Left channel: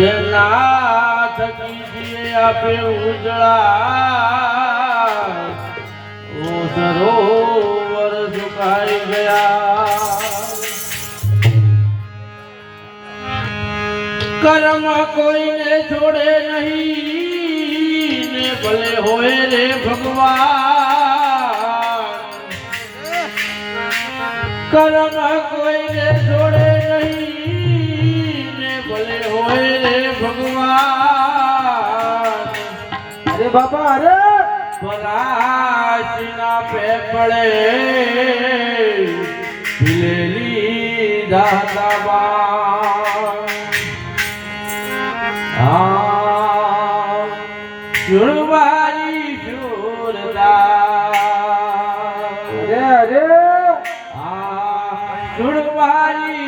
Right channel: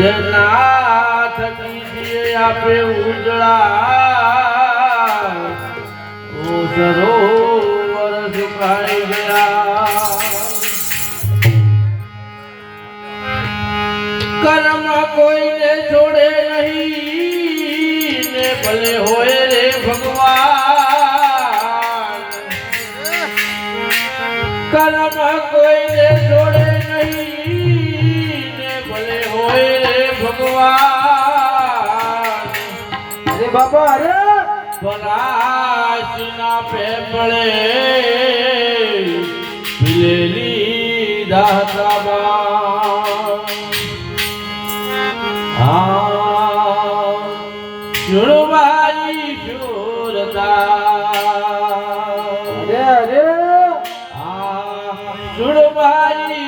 જેના થકી આપે ઉજળા ઓ સરોવર સુકાઈ ગયા કર્મ કોઈને છોડે નહીં ને ભલે હોય રે ભગવાન કર્મ કોઈને છોડે નહીં ને ભલે હોય રે ભગવાન અરે બાપા અરે પરાશીના પેપળે ભીલેલી દાતાબા સુરવાઈ સુરતા અરે સુરવાઈ